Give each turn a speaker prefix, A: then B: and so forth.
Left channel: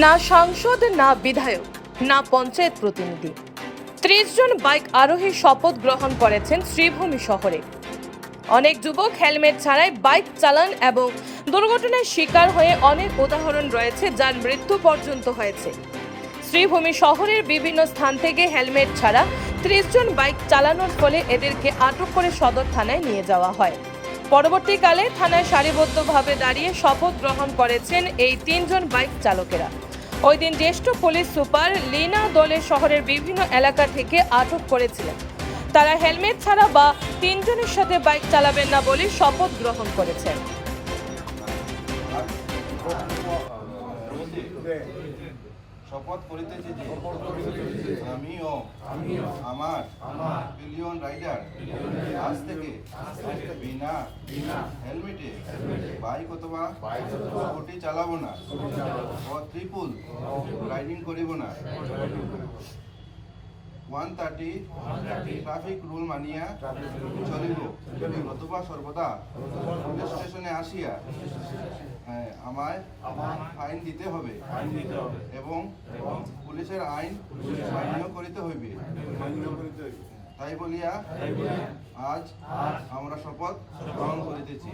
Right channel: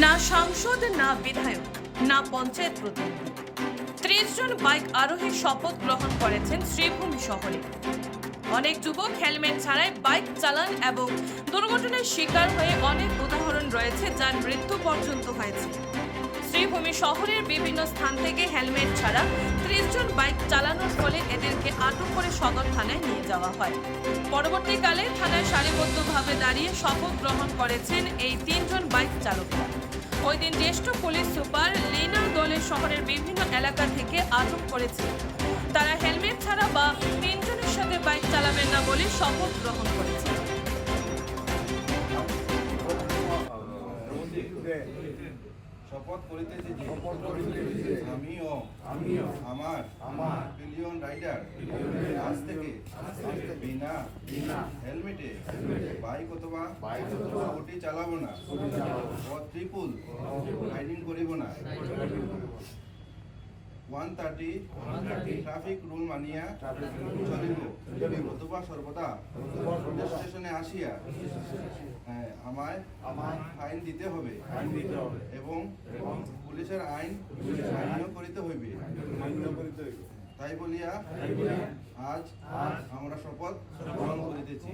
A: না সাংসদ, না বিধায়ক, না পঞ্চায়েত প্রতিনিধি। ত্রিশ জন বাইক আরোহী শপথ গ্রহণ করেছেন শ্রীভূমি শহরে। অনেক যুবক হেলমেট ছাড়াই বাইক চালান এবং দুর্ঘটনার শিকার হয়ে অনেক উদাহরণ রয়েছে, যার মৃত্যু পর্যন্ত হয়েছে। শ্রীভূমি শহরের বিভিন্ন স্থান থেকে হেলমেট ছাড়া ত্রিশ জন বাইক চালানোর ফলে এদেরকে আটক করে সদর থানায় নিয়ে যাওয়া হয়। পরবর্তীকালে থানায় সারিবদ্ধভাবে দাঁড়িয়ে শপথ গ্রহণ করেছেন এই তিনজন বাইক চালকেরা। ওই দিন জ্যেষ্ঠ পুলিশ সুপার লীনা দলে শহরের বিভিন্ন এলাকা থেকে আটক করেছিলেন। তারা হেলমেট ছাড়া বা তিনজনের সাথে বাইক চালাবেন না বলে শপথ গ্রহণ করেছেন।
B: শপথ করিতেছি যে আমিও আমিও আমার আমার পিলিয়ন রাইডার আজ থেকে বিনা বিনা হেলমেটে বাইক অথবা স্কুটি চালাবো না। ও ত্রিপুল রাইডিং করিব না। ওয়ান থার্টি ট্রাফিক রুল মানিয়া চলিব। অথবা সর্বদা স্টেশনে আসিয়া হ্যাঁ, আমায় ফাইন দিতে হবে। এবং পুলিশের আইন মান্য করিতে হইবে। তাই বলিয়া আজ আমরা শপথ গ্রহণ করিতেছি।